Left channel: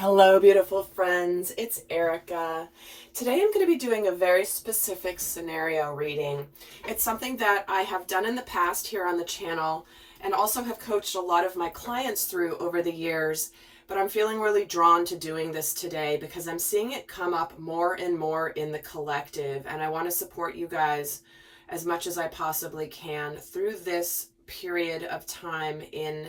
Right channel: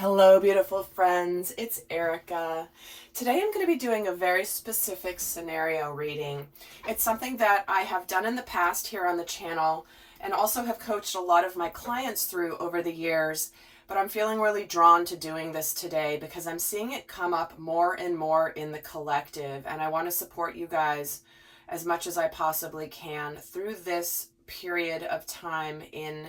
Hello, beautiful friends. It's Erika. Today I'm going to be doing a very specific scenario reading. It's something that I have done in the past here on the channel and also have coached a lot of my clients through over the years, but I'm feeling really drawn to doing this today because I'm seeing it come up more and more in the collective, and I want to support you guys as much as I possibly can through this period of time in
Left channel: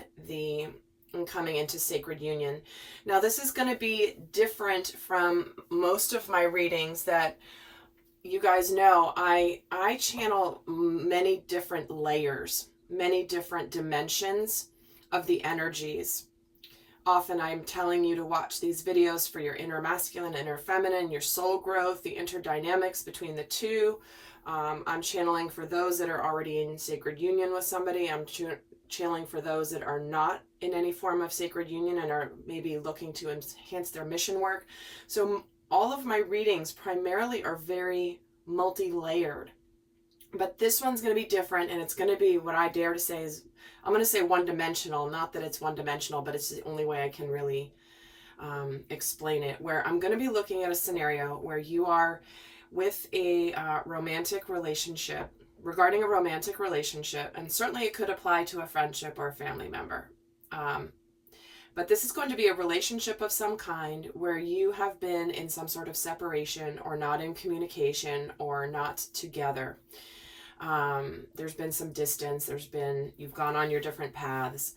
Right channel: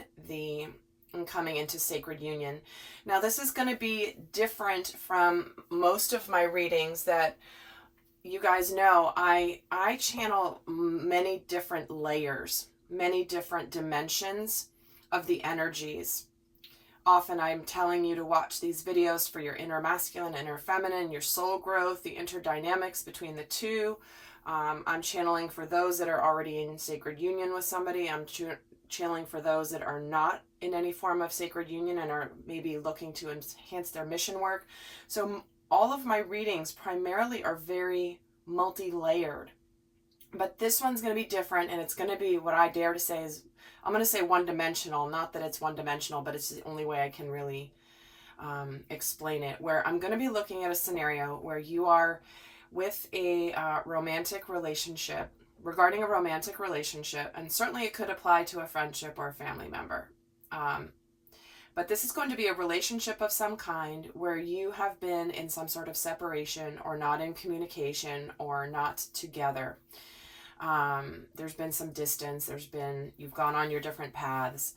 coming into sacred union. Now, this is going to be different from most of my readings that you guys know. I channel many different layers, many different dimensions of the energies. Often I'm telling you to watch these videos for your inner masculine, inner feminine, your soul growth, the interdynamics between the two. I'm channeling for those that are already in sacred union with somebody. I'm channeling for those that are not in any form of sacred union and are maybe looking to enhance their mission work. So all of my readings primarily are very multi-layered, but this one's going to be different, and it's going to be what I dare to say is, I'm going to say one-dimensional. Not that it's one-dimensional, but it's the only way I can really explain it, where I'm going to be looking at a scenario where you are with a romantic relationship, regarding a romantic relationship, and certainly it could apply to a friendship or a family member. But this is going to be a relationship of some kind where you have been in some sort of separation or not in communication or not together. There's been some distance, you've gone on your different paths.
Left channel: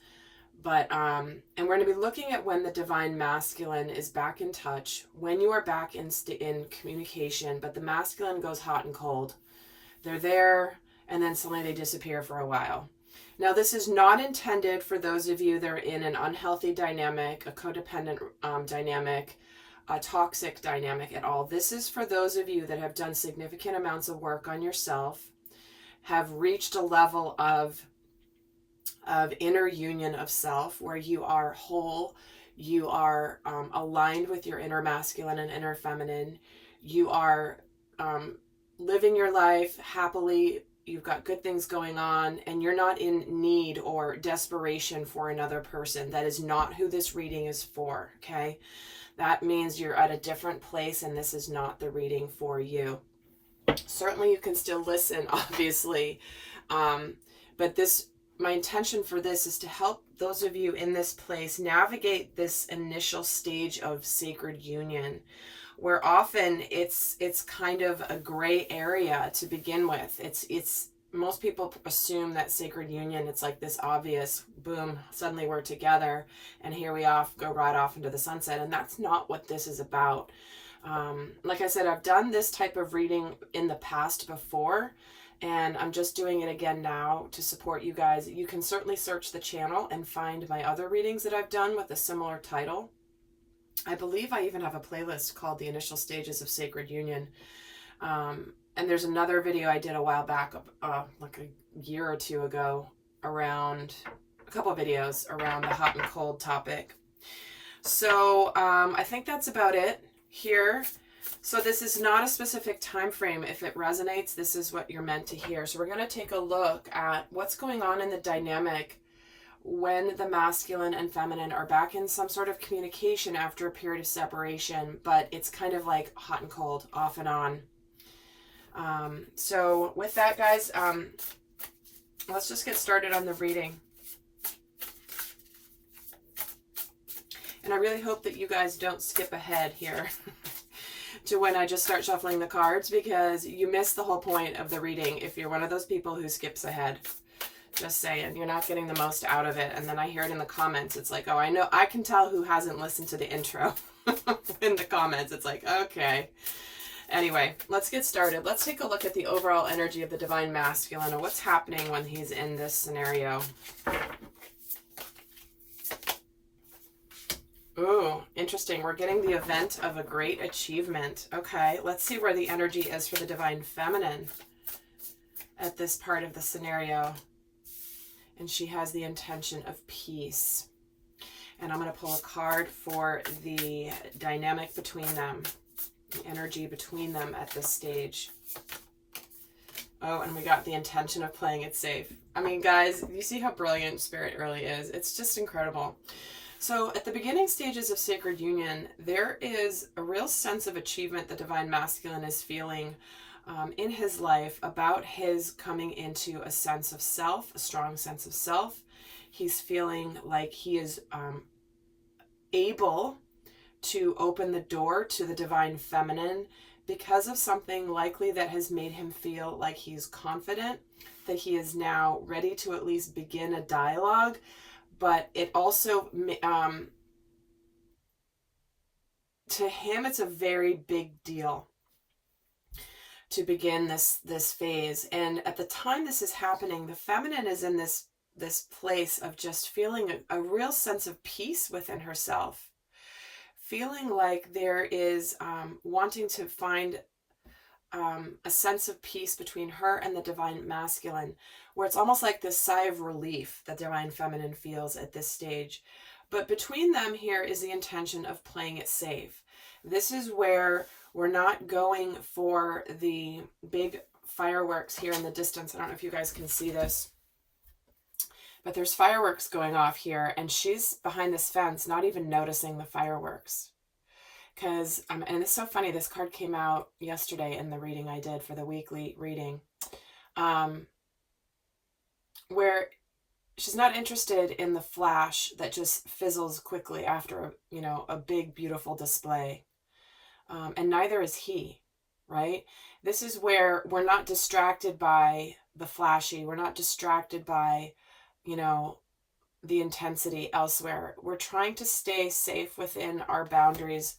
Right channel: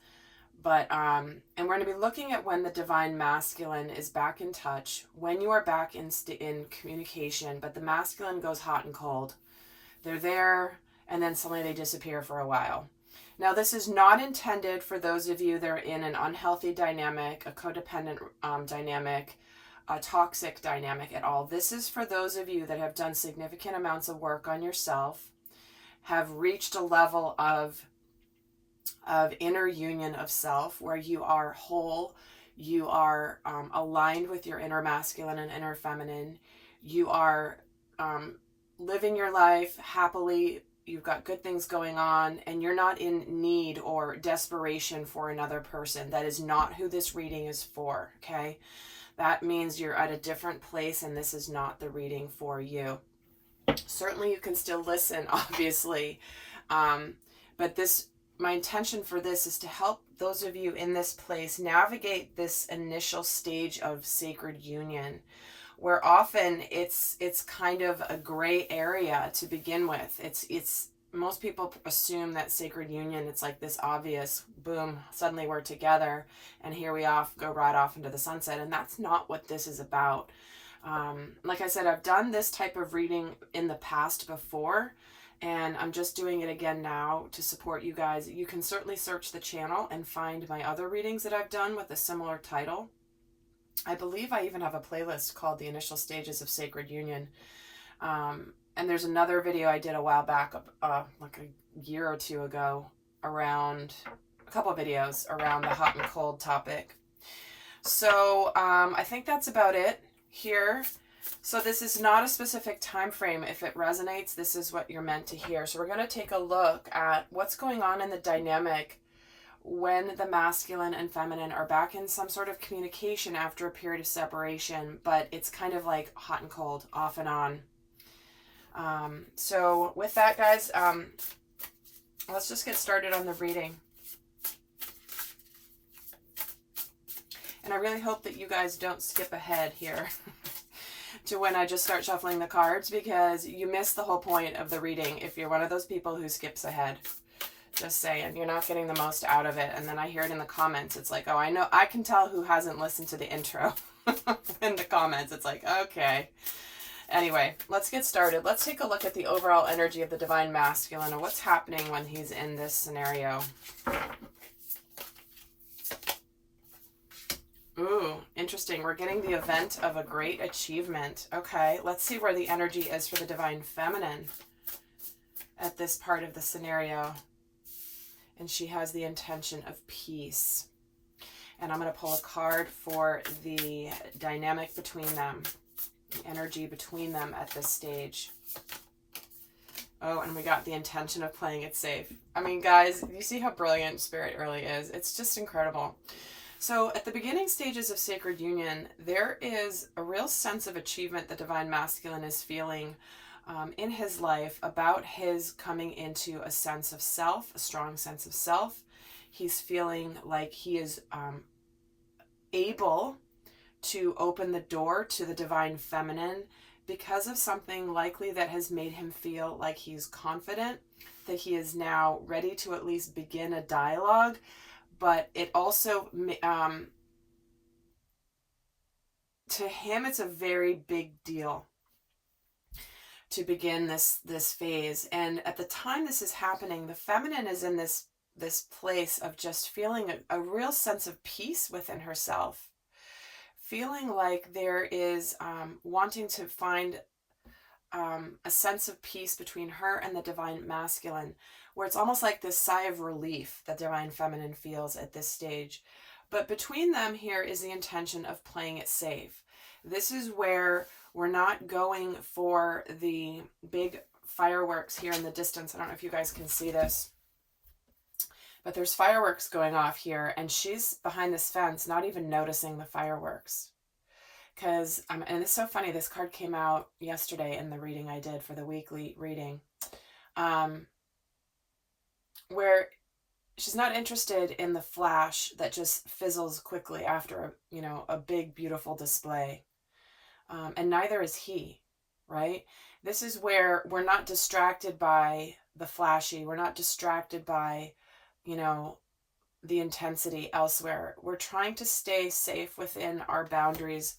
But, and we're going to be looking at when the divine masculine is back in touch, when you are back in communication, but the masculine goes hot and cold. They're there, and then suddenly they disappear for a while. Now, this is not intended for those of you that are in an unhealthy dynamic, a codependent dynamic, a toxic dynamic at all. This is for those of you that have done significant amounts of work on yourself, have reached a level of inner union of self, where you are whole, you are aligned with your inner masculine and inner feminine, you are living your life happily, you've got good things going on, and you're not in need or desperation for another person. That is not who this reading is for, okay? That means you're at a different place, and this is not the reading for you. Certainly you can still listen, obviously, but my intention for this is to help those of you in this place navigate this initial stage of sacred union, where often it's kind of a gray area to begin with. It's most people assume that sacred union, it's like this obvious boom, suddenly we're together and here we go right off into the sunset, and that's not what this is about. Like I said, I've done this type of reading in the past before, and I'm just doing it again now to support you guys. You can certainly search the channel and find my other readings that I've done with a similar title. I believe I even have a playlist called The Initial Stages of Sacred Union. And there's another video I did a while back, like a year or two ago, around a couple of videos around the hot and cold topic. So I think that's about it here. So this is not a specific time frame. If it resonates, this is what you're meant to hear. So we're going to take a look at what's going on in the dynamic when the masculine and feminine are back in some sort of communication after a period of separation, but it's kind of like hot and cold, off and on. So with that, guys, let's just get started on the reading. And I really hope that you guys don't skip ahead here to when I just start shuffling the cards, because you miss the whole point of the reading if you're one of those people who skips ahead. Just saying, you're not getting the most out of it. And then I hear it in the comments. It's like, oh, I know, I can tell who hasn't listened to the intro in the comments. It's like, okay. Anyway, let's get started. Let's take a look at the overall energy of the divine masculine, and what's happening when he's in this scenario. Ooh, interesting. We're getting the event of a great achievement. Okay, let's see where the energy is for the divine feminine at this part of the scenario. And she has the intention of peace. And I'm going to pull a card for the dynamic between them, the energy between them at this stage. Oh, and we got the intention of playing it safe. I mean, guys, you see how brilliant Spirit really is. It's just incredible. So at the beginning stages of sacred union, there is a real sense of achievement the divine masculine is feeling in his life about his coming into a sense of self, a strong sense of self. He's feeling like he is able to open the door to the divine feminine because of something likely that has made him feel like he's confident, that he is now ready to at least begin a dialogue. But it also, to him, it's a very big deal to begin this phase. And at the time this is happening, the feminine is in this place of just feeling a real sense of peace within herself, feeling like there is wanting to find a sense of peace between her and the divine masculine, where it's almost like this sigh of relief that divine feminine feels at this stage. But between them here is the intention of playing it safe. This is where we're not going for the big fireworks here in the distance. I don't know if you guys can see this, but there's fireworks going off here, and she's behind this fence, not even noticing the fireworks. Because, and it's so funny, this card came out yesterday in the reading I did for the weekly reading, where she's not interested in the flash that just fizzles quickly after, a big, beautiful display. And neither is he, right? This is where we're not distracted by the flashy. We're not distracted by, the intensity elsewhere. We're trying to stay safe within our boundaries,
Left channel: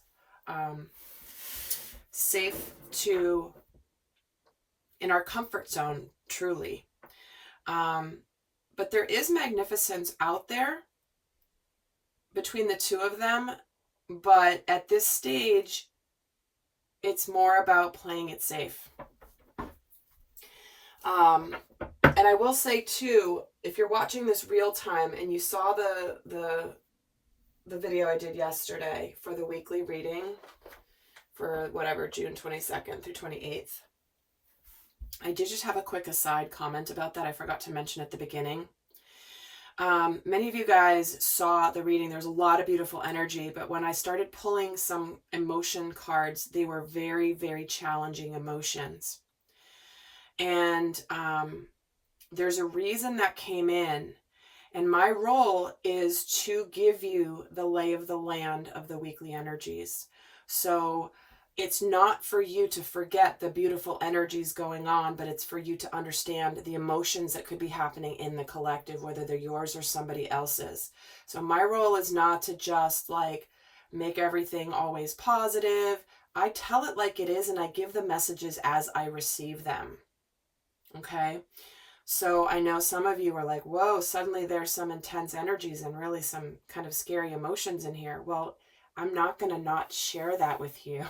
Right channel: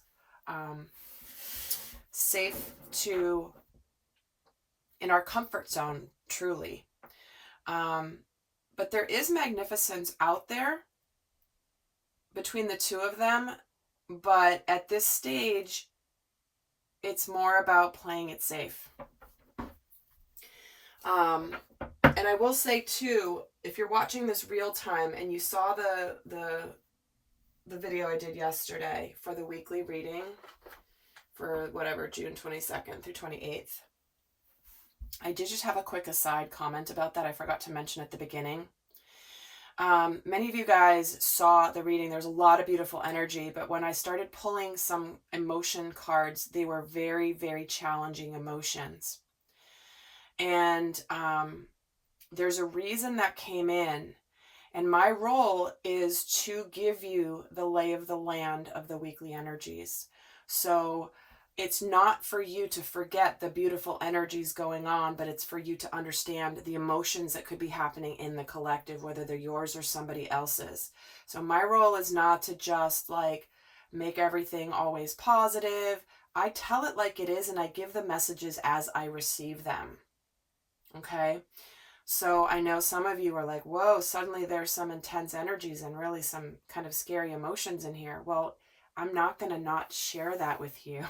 safe in our comfort zone, truly. But there is magnificence out there between the two of them. But at this stage, it's more about playing it safe. And I will say too, if you're watching this real time and you saw the video I did yesterday for the weekly reading for whatever, June 22nd through 28th, I did just have a quick aside comment about that. I forgot to mention at the beginning. Many of you guys saw the reading. There's a lot of beautiful energy, but when I started pulling some emotion cards, they were very, very challenging emotions. And there's a reason that came in. And my role is to give you the lay of the land of the weekly energies. So it's not for you to forget the beautiful energies going on, but it's for you to understand the emotions that could be happening in the collective, whether they're yours or somebody else's. So my role is not to just make everything always positive. I tell it like it is, and I give the messages as I receive them. Okay? So I know some of you are like, whoa, suddenly there's some intense energies and really some kind of scary emotions in here. Well, I'm not going to not share that with you.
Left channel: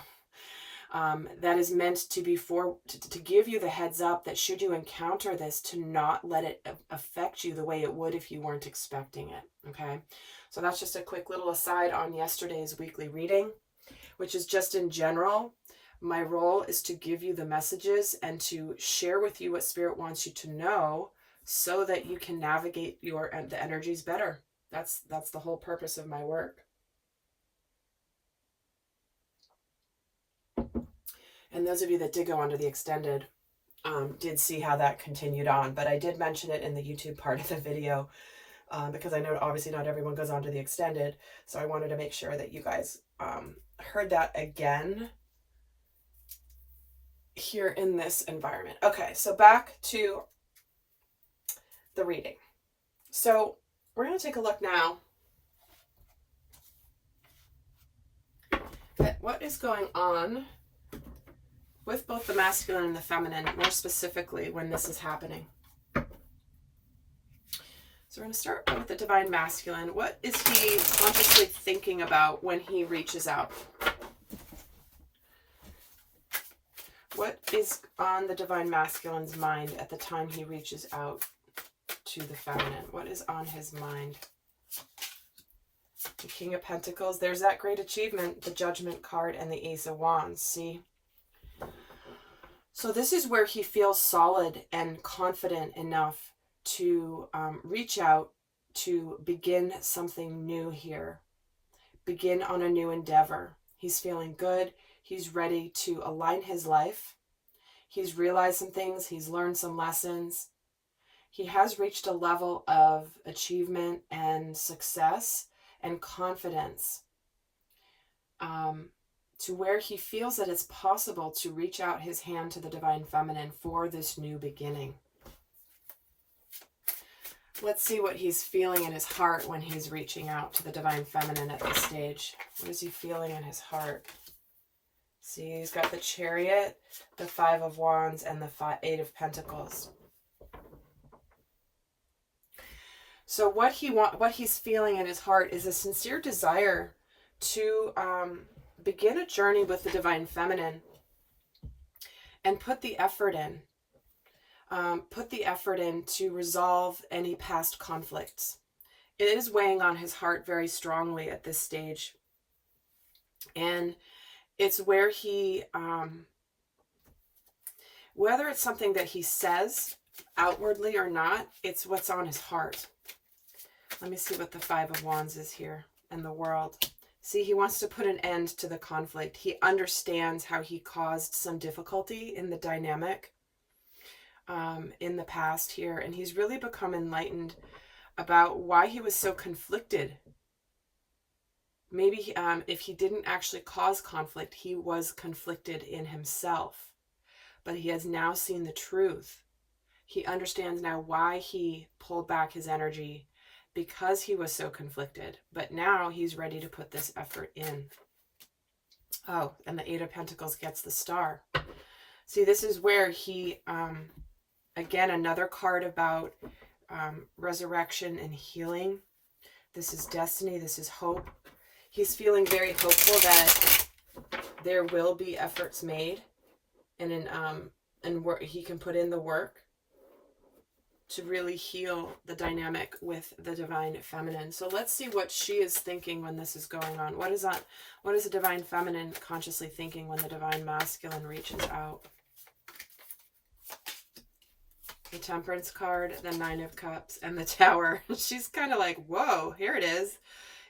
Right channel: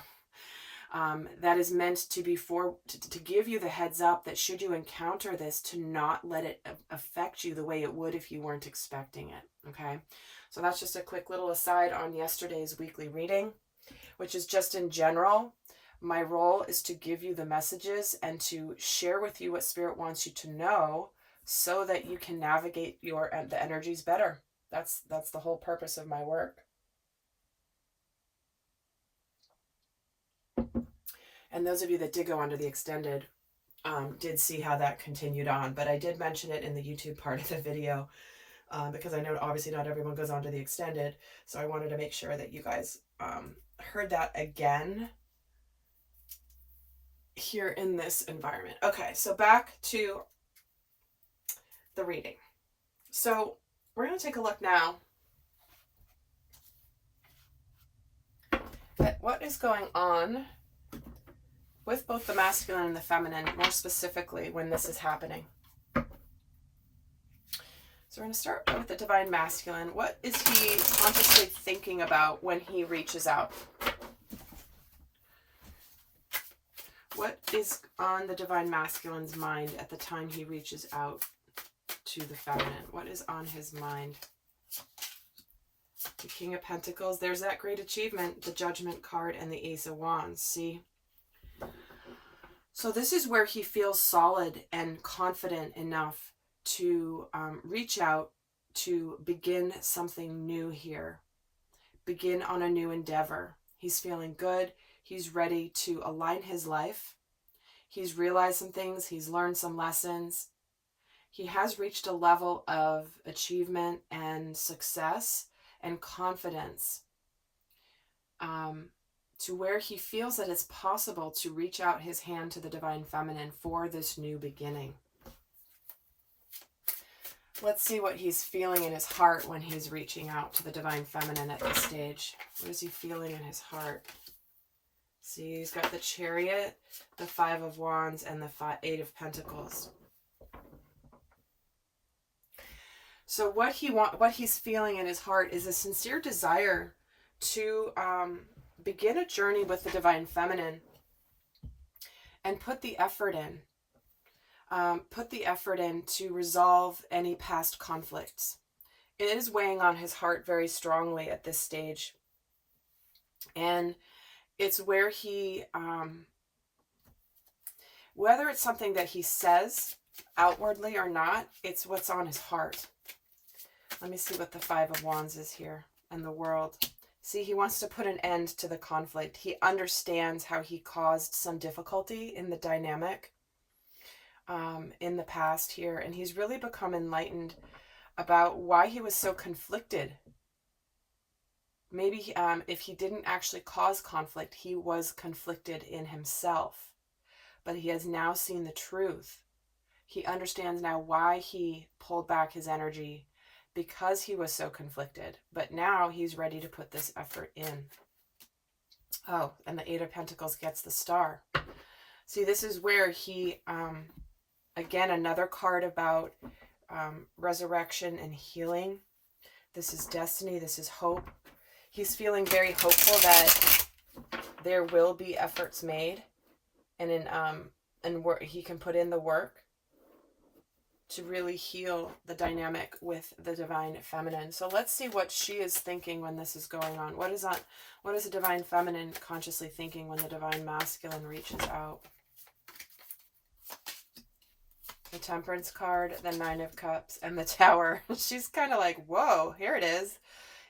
That is meant to be to give you the heads up that should you encounter this, to not let it affect you the way it would if you weren't expecting it. Okay. So that's just a quick little aside on yesterday's weekly reading, which is just in general. My role is to give you the messages and to share with you what Spirit wants you to know so that you can navigate the energies better. That's the whole purpose of my work. And those of you that did go onto the extended did see how that continued on. But I did mention it in the YouTube part of the video because I know obviously not everyone goes onto the extended. So I wanted to make sure that you guys heard that again here in this environment. Okay, so back to the reading. So we're going to take a look now at what is going on with both the masculine and the feminine, more specifically when this is happening. So we're going to start with the divine masculine. What is he consciously thinking about when he reaches out? What is on the divine masculine's mind at the time he reaches out to the feminine? What is on his mind? The King of Pentacles. There's that great achievement, the Judgment card, and the Ace of Wands. See? So this is where he feels solid and confident enough to reach out to begin something new here begin on a new endeavor. He's feeling good. He's ready to align his life. He's realized some things. He's learned some lessons. He has reached a level of achievement and success and confidence to where he feels that it's possible to reach out his hand to the divine feminine for this new beginning. Let's see what he's feeling in his heart when he's reaching out to the divine feminine at this stage. What is he feeling in his heart? See, he's got the Chariot, the 5 of Wands, and the 8 of Pentacles. So what he's feeling in his heart is a sincere desire to begin a journey with the divine feminine and put the effort in. Put the effort in to resolve any past conflicts. It is weighing on his heart very strongly at this stage. And it's where he, whether it's something that he says outwardly or not, it's what's on his heart. Let me see what the 5 of Wands is here and the World. See, he wants to put an end to the conflict. He understands how he caused some difficulty in the dynamic in the past here. And he's really become enlightened about why he was so conflicted. Maybe if he didn't actually cause conflict, he was conflicted in himself. But he has now seen the truth. He understands now why he pulled back his energy, because he was so conflicted. But now he's ready to put this effort in. Oh, and the 8 of Pentacles gets the Star. See, this is where he, again, another card about resurrection and healing. This is destiny. This is hope. He's feeling very hopeful that there will be efforts made, and he can put in the work to really heal the dynamic with the divine feminine. So let's see what she is thinking when this is going on. What is the divine feminine consciously thinking when the divine masculine reaches out? The Temperance card, the 9 of Cups, and the Tower. She's kind of like, whoa, here it is.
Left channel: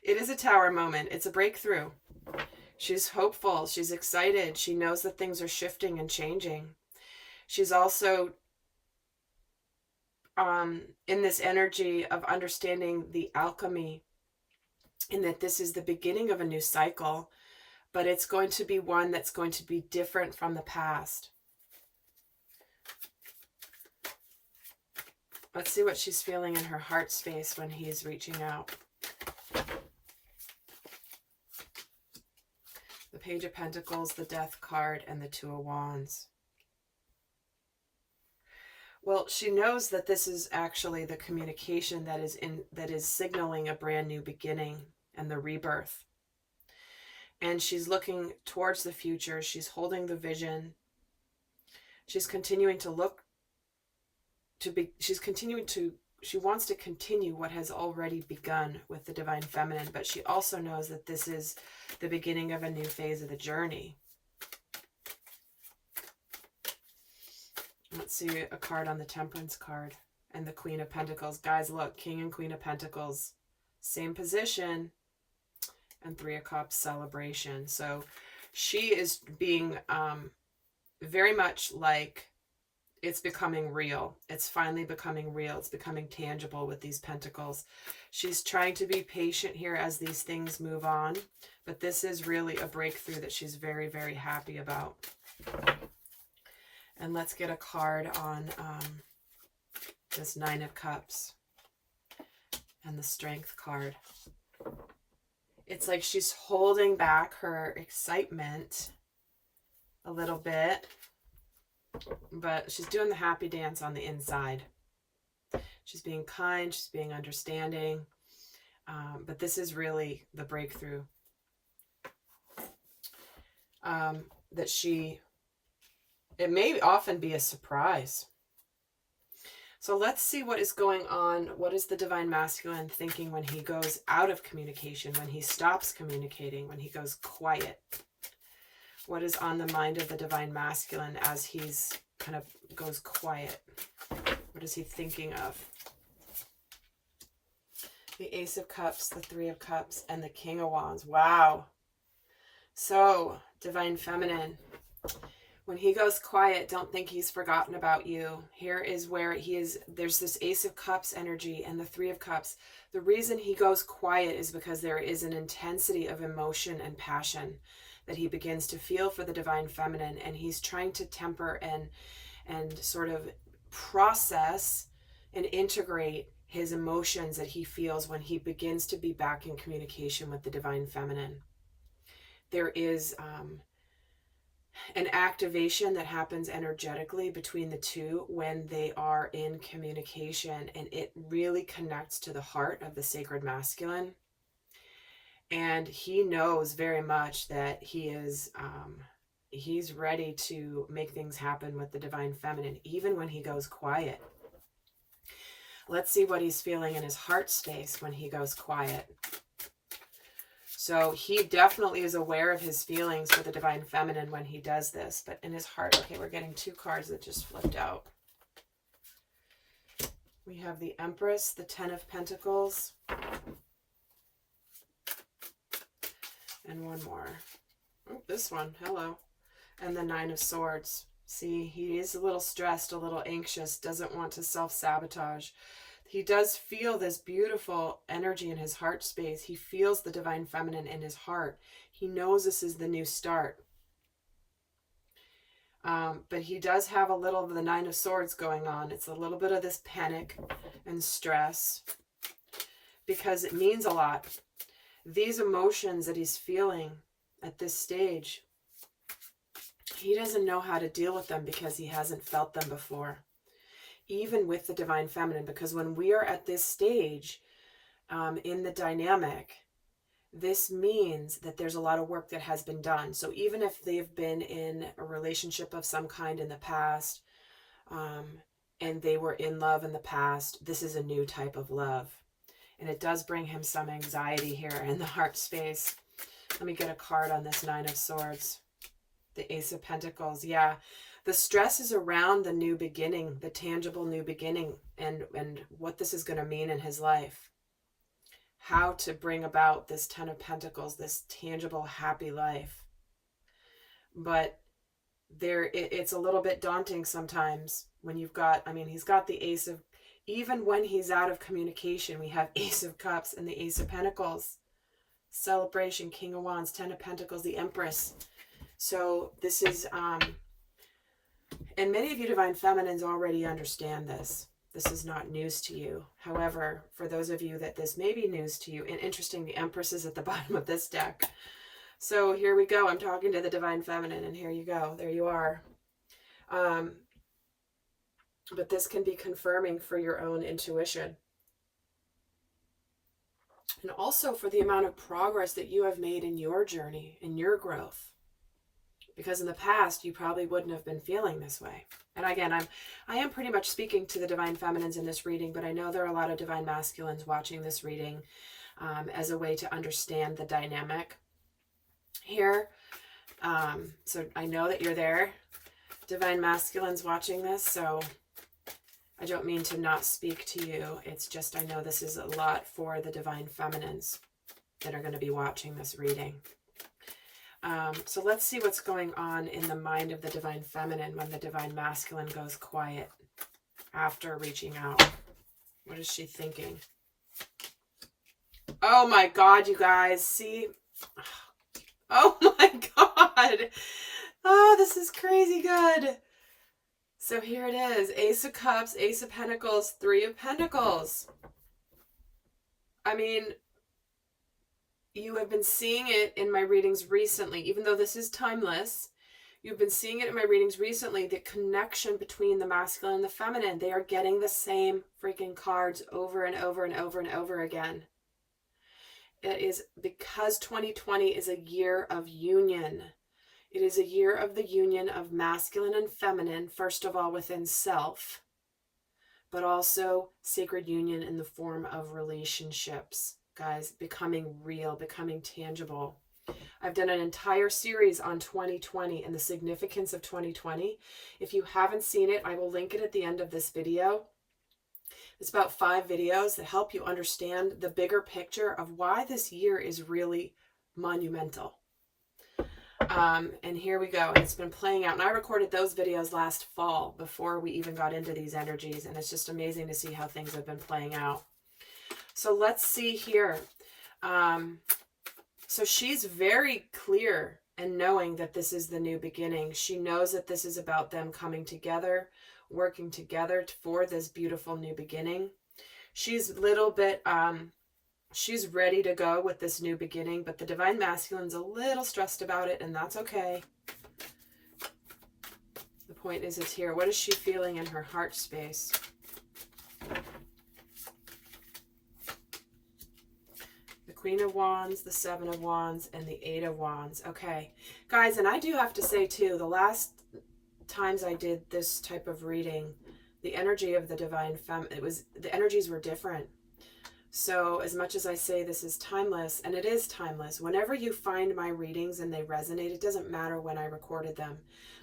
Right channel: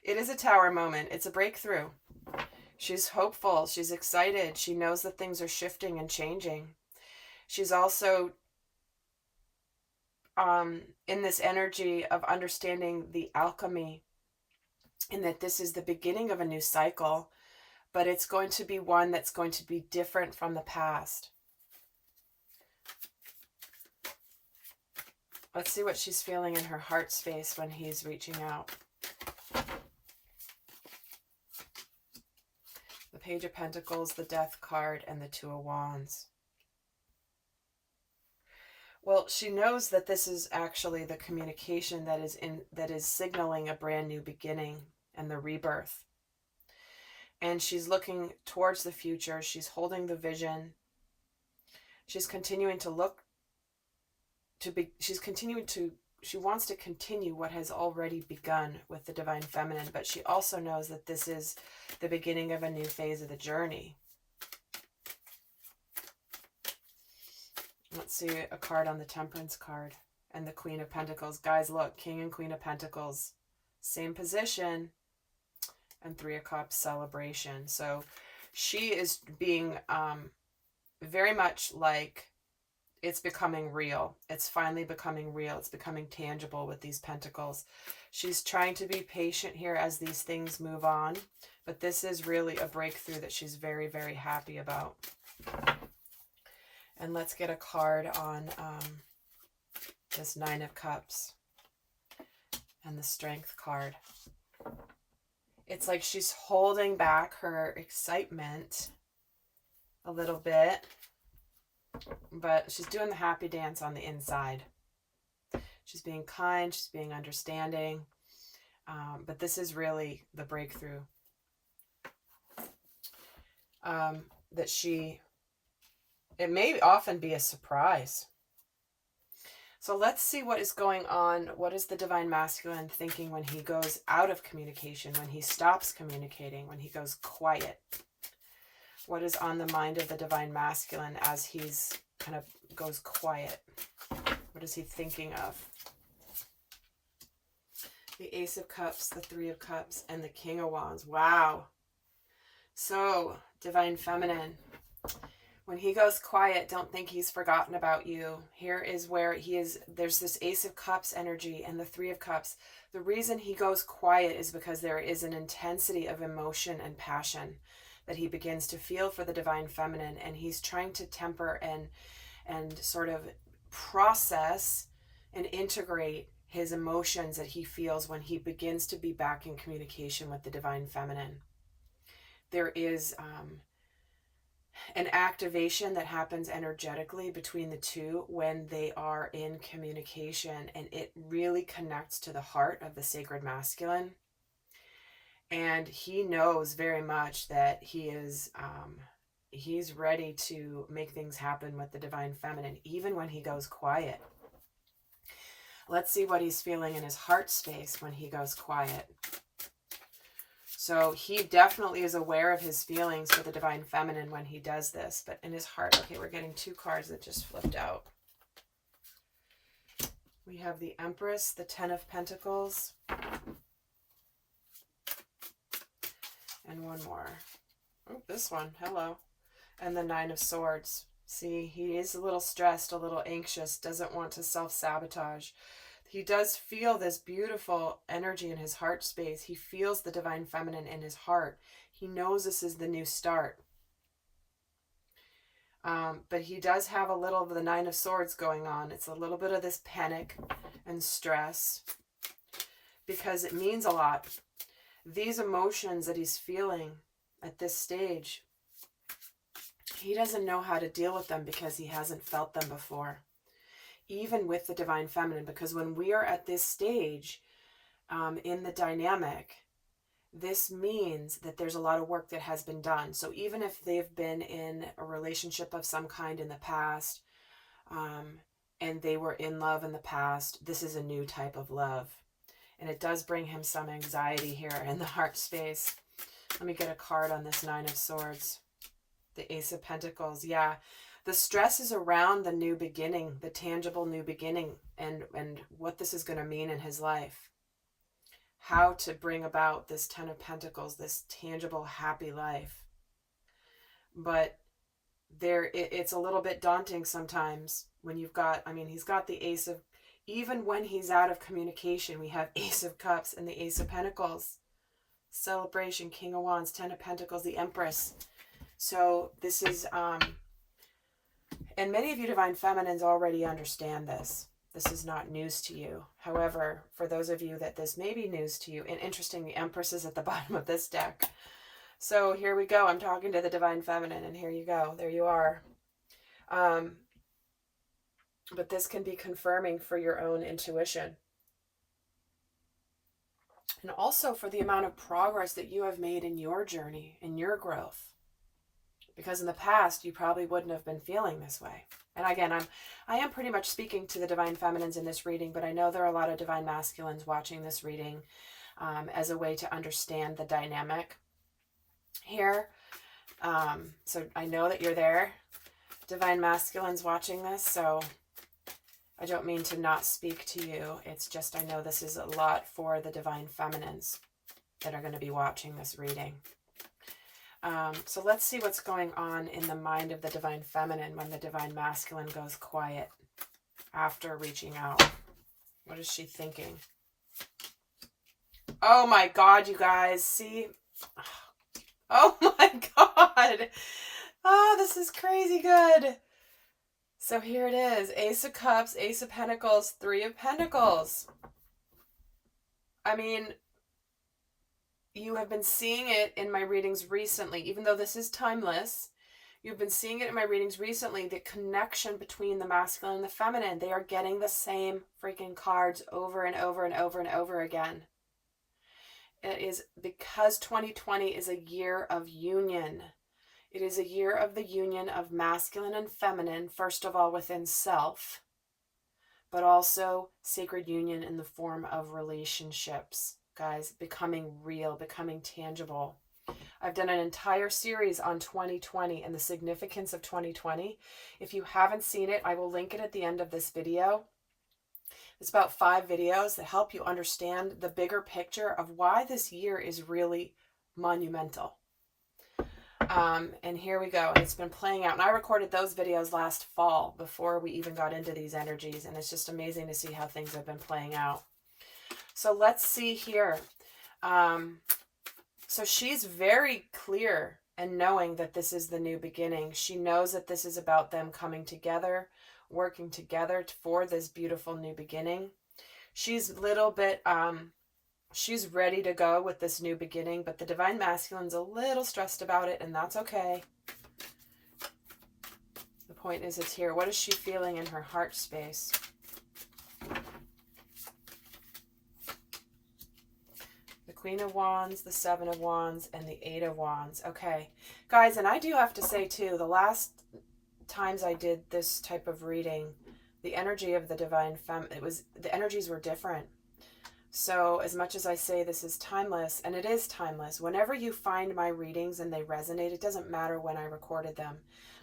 It is a Tower moment. It's a breakthrough. She's hopeful. She's excited. She knows that things are shifting and changing. She's also in this energy of understanding the alchemy, in that this is the beginning of a new cycle, but it's going to be one that's going to be different from the past. Let's see what she's feeling in her heart space when he's reaching out. The Page of Pentacles, the Death card, and the 2 of Wands. Well, she knows that this is actually the communication that is signaling a brand new beginning and the rebirth. And she's looking towards the future. She's holding the vision. She's continuing to look she wants to continue what has already begun with the divine feminine, but she also knows that this is the beginning of a new phase of the journey. Let's see a card on the Temperance card and the Queen of Pentacles. Guys, look, King and Queen of Pentacles, same position, and 3 of Cups, celebration. So she is being very much like, it's becoming real. It's finally becoming real. It's becoming tangible with these pentacles. She's trying to be patient here as these things move on, but this is really a breakthrough that she's very, very happy about. And let's get a card on this 9 of Cups and the Strength card. It's like she's holding back her excitement a little bit, but she's doing the happy dance on the inside. She's being kind, she's being understanding, but this is really the breakthrough that it may often be a surprise. So let's see what is going on. What is the divine masculine thinking when he goes out of communication, when he stops communicating, when he goes quiet? What is on the mind of the divine masculine as he's kind of goes quiet? What is he thinking of? the Ace of Cups, the Three of Cups, and the King of Wands. Wow. So, Divine Feminine, when he goes quiet, don't think he's forgotten about you. Here is where he is. There's this Ace of Cups energy and the Three of Cups. The reason he goes quiet is because there is an intensity of emotion and passion that he begins to feel for the Divine Feminine, and he's trying to temper and sort of process and integrate his emotions that he feels when he begins to be back in communication with the Divine Feminine. There is an activation that happens energetically between the two when they are in communication, and it really connects to the heart of the sacred masculine. And he knows very much that he's ready to make things happen with the Divine Feminine, even when he goes quiet. Let's see what he's feeling in his heart space when he goes quiet. So he definitely is aware of his feelings for the Divine Feminine when he does this. But in his heart, okay, we're getting two cards that just flipped out. We have the Empress, the Ten of Pentacles, and one more. Oh, this one, hello. And the Nine of Swords. See, he is a little stressed, a little anxious, doesn't want to self-sabotage. He does feel this beautiful energy in his heart space. He feels the Divine Feminine in his heart. He knows this is the new start. But he does have a little of the Nine of Swords going on. It's a little bit of this panic and stress because it means a lot. These emotions that he's feeling at this stage, he doesn't know how to deal with them because he hasn't felt them before. Even with the Divine Feminine, because when we are at this stage in the dynamic, this means that there's a lot of work that has been done. So even if they've been in a relationship of some kind in the past, and they were in love in the past, this is a new type of love. And it does bring him some anxiety here in the heart space. Let me get a card on this Nine of Swords. The Ace of Pentacles, yeah. The stress is around the new beginning, the tangible new beginning, and what this is going to mean in his life. How to bring about this Ten of Pentacles, this tangible, happy life. But it's a little bit daunting sometimes when you've got, he's got the Ace of, even when he's out of communication, we have Ace of Cups and the Ace of Pentacles. Celebration, King of Wands, Ten of Pentacles, the Empress. So this is, and many of you Divine Feminines already understand this. This is not news to you. However, for those of you that this may be news to you, and interesting, the Empress is at the bottom of this deck. So here we go. I'm talking to the Divine Feminine, and here you go. There you are. But this can be confirming for your own intuition. And also for the amount of progress that you have made in your journey, in your growth. Because in the past, you probably wouldn't have been feeling this way. And again, I am pretty much speaking to the Divine Feminines in this reading, but I know there are a lot of Divine Masculines watching this reading as a way to understand the dynamic here. So I know that you're there, Divine Masculines watching this, so I don't mean to not speak to you. It's just I know this is a lot for the Divine Feminines that are going to be watching this reading. So let's see what's going on in the mind of the Divine Feminine when the Divine Masculine goes quiet after reaching out. What is she thinking? Oh my God, you guys. See? Oh my God. Oh, this is crazy good. So here it is. Ace of Cups, Ace of Pentacles, Three of Pentacles. You have been seeing it in my readings recently, even though this is timeless. You've been seeing it in my readings recently, the connection between the masculine and the feminine. They are getting the same freaking cards over and over and over and over again. It is because 2020 is a year of union. It is a year of the union of masculine and feminine, first of all within self, but also sacred union in the form of relationships. Guys, becoming real, becoming tangible. I've done an entire series on 2020 and the significance of 2020. If you haven't seen it, I will link it at the end of this video. It's about 5 videos that help you understand the bigger picture of why this year is really monumental. And here we go. It's been playing out. And I recorded those videos last fall before we even got into these energies. And it's just amazing to see how things have been playing out. So let's see here. So she's very clear and knowing that this is the new beginning. She knows that this is about them coming together, working together for this beautiful new beginning. She's a little bit, she's ready to go with this new beginning, but the Divine Masculine's a little stressed about it, and that's okay. The point is, it's here. What is she feeling in her heart space? The Queen of Wands, the Seven of Wands, and the Eight of Wands. Okay, guys, and I do have to say, too, the last times I did this type of reading, the energy of the Divine Femme, the energies were different. So as much as I say this is timeless, and it is timeless, whenever you find my readings and they resonate, it doesn't matter when I recorded them.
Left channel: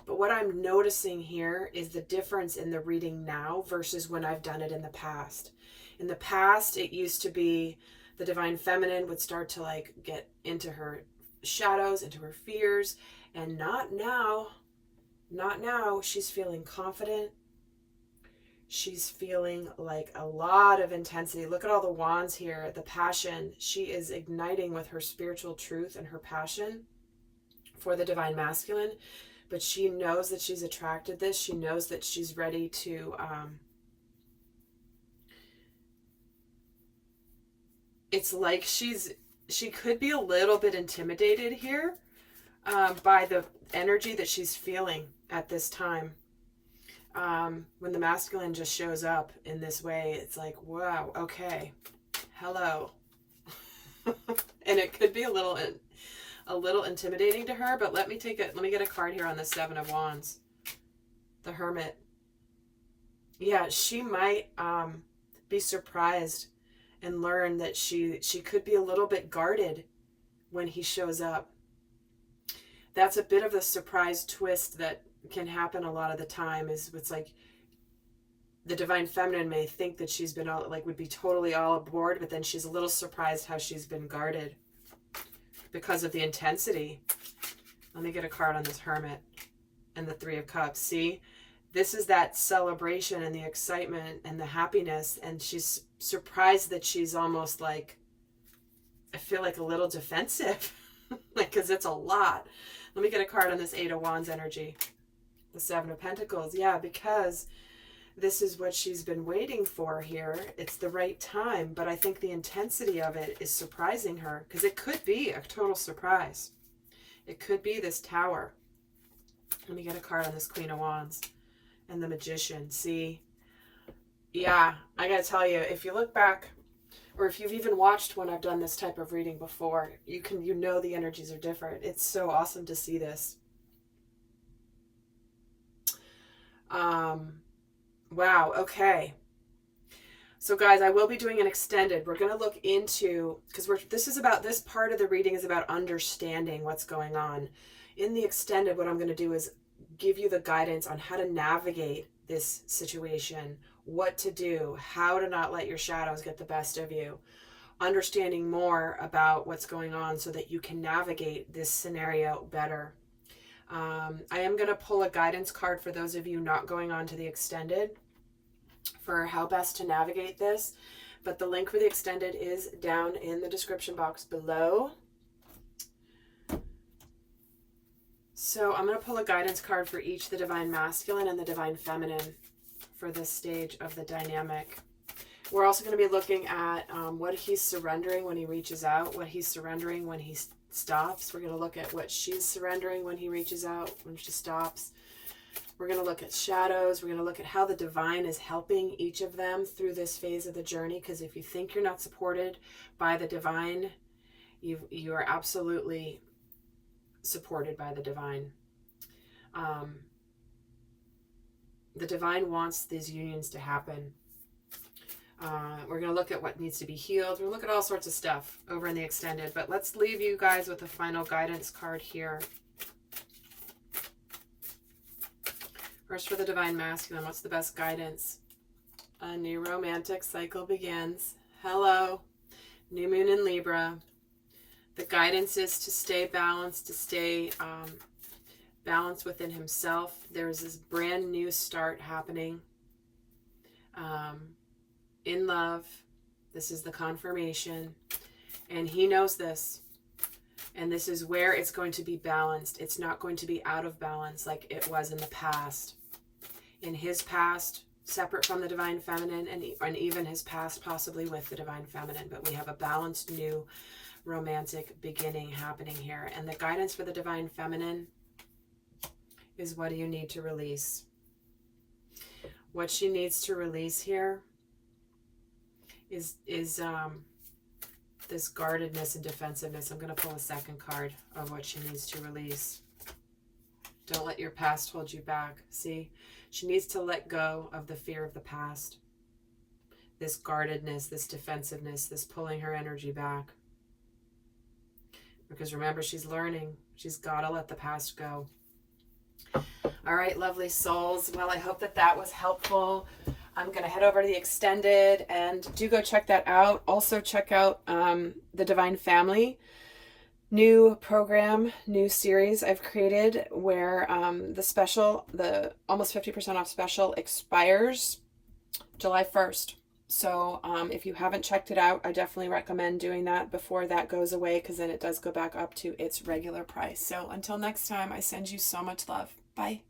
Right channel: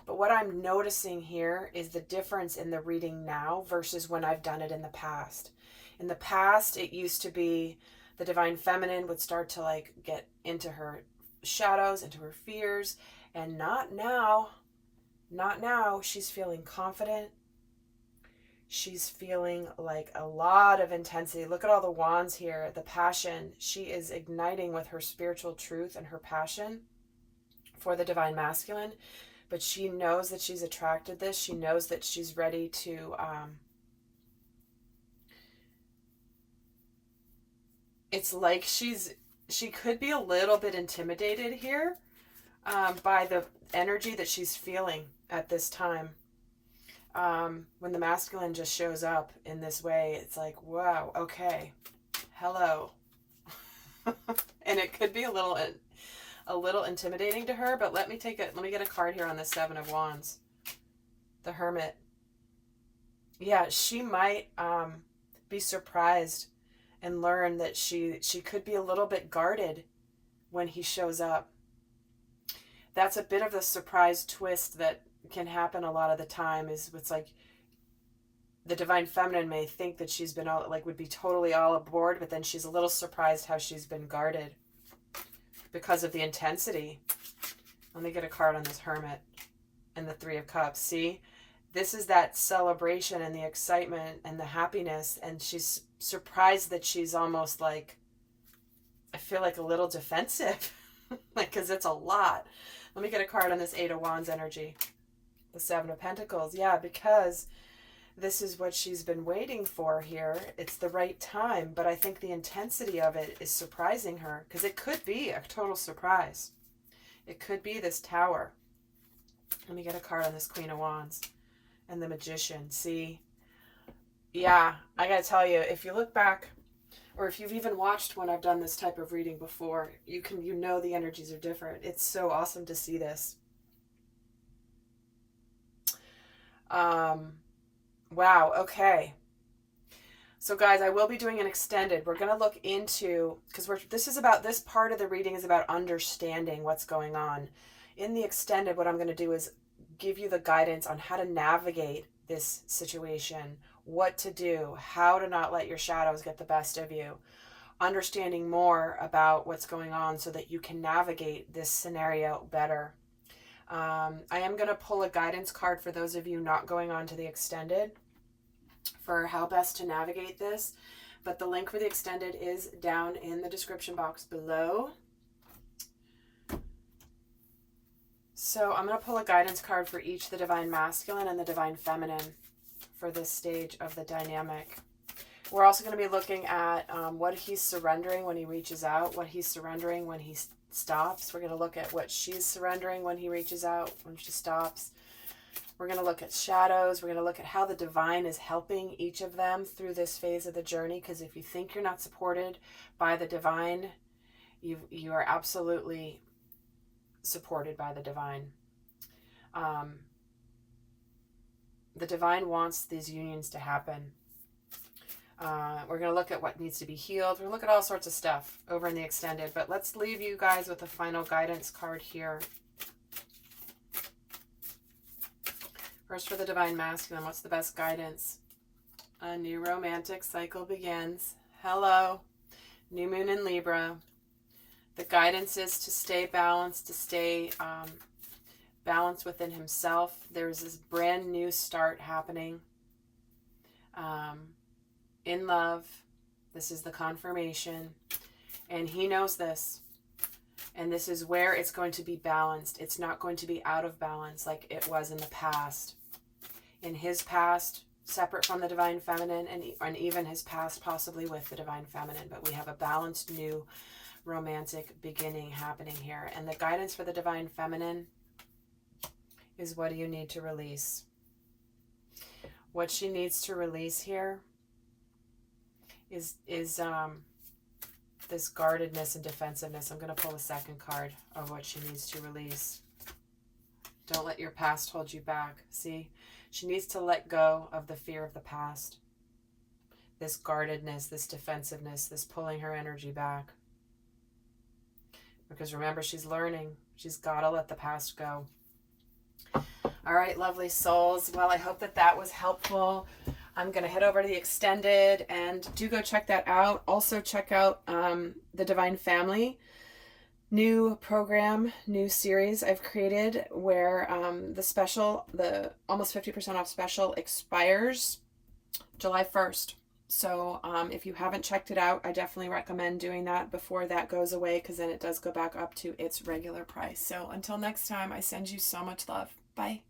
But what I'm noticing here is the difference in the reading now versus when I've done it in the past. In the past, it used to be the Divine Feminine would start to like get into her shadows, into her fears, and not now. Not now. She's feeling confident. She's feeling like a lot of intensity. Look at all the wands here, the passion. She is igniting with her spiritual truth and her passion for the Divine Masculine. But she knows that she's attracted this. She knows that she's ready to... it's like she could be a little bit intimidated here by the energy that she's feeling at this time. When the masculine just shows up in this way, it's like, wow, okay, hello. And it could be a little intimidating to her, but let me get a card here on the Seven of Wands. The Hermit. Yeah, she might be surprised and learn that she could be a little bit guarded when he shows up. That's a bit of a surprise twist that can happen a lot of the time. Is it's like the Divine Feminine may think that she's been all, like, would be totally all aboard, but then she's a little surprised how she's been guarded because of the intensity. Let me get a card on this Hermit and the Three of Cups. See, this is that celebration and the excitement and the happiness, and she's surprised that she's almost like, I feel like a little defensive, like, because it's a lot. Let me get a card on this Eight of Wands energy. The Seven of Pentacles. Yeah, because this is what she's been waiting for here. It's the right time, but I think the intensity of it is surprising her, because it could be a total surprise. It could be this Tower. Let me get a card on this Queen of Wands and the Magician. See? Yeah, I gotta tell you, if you look back, or if you've even watched when I've done this type of reading before, you know the energies are different. It's so awesome to see this. Wow, okay. So guys, I will be doing an extended. We're going to look into, because this part of the reading is about understanding what's going on. In the extended, what I'm going to do is give you the guidance on how to navigate this situation, what to do, how to not let your shadows get the best of you, understanding more about what's going on so that you can navigate this scenario better. I am going to pull a guidance card for those of you not going on to the extended for how best to navigate this. But the link for the extended is down in the description box below. So I'm going to pull a guidance card for each, the Divine Masculine and the Divine Feminine, for this stage of the dynamic. We're also going to be looking at what he's surrendering when he reaches out, what he's surrendering when he stops. We're going to look at what she's surrendering when he reaches out, when she stops. We're going to look at shadows. We're going to look at how the divine is helping each of them through this phase of the journey, because if you think you're not supported by the divine, you are absolutely supported by the divine. The divine wants these unions to happen. We're going to look at what needs to be healed. We're going to look at all sorts of stuff over in the extended. But let's leave you guys with a final guidance card here. First, for the Divine Masculine, what's the best guidance A new romantic cycle begins. Hello, new moon in Libra. The guidance is to stay balanced, to stay balanced within himself. There's this brand new start happening in love. This is the confirmation. And he knows this. And this is where it's going to be balanced. It's not going to be out of balance like it was in the past. In his past, separate from the divine feminine, and even his past possibly with the divine feminine. But we have a balanced new romantic beginning happening here. And the guidance for the divine feminine is, what do you need to release? What she needs to release here is this guardedness and defensiveness. I'm going to pull a second card of what she needs to release. Don't let your past hold you back. See, she needs to let go of the fear of the past. This guardedness, this defensiveness, this pulling her energy back. Because remember, she's learning. She's got to let the past go. All right, lovely souls. Well, I hope that that was helpful. I'm going to head over to the extended, and do go check that out. Also check out the Divine Family new program, new series I've created, where the almost 50% off special expires July 1st. So if you haven't checked it out, I definitely recommend doing that before that goes away, because then it does go back up to its regular price. So until next time, I send you so much love. Bye.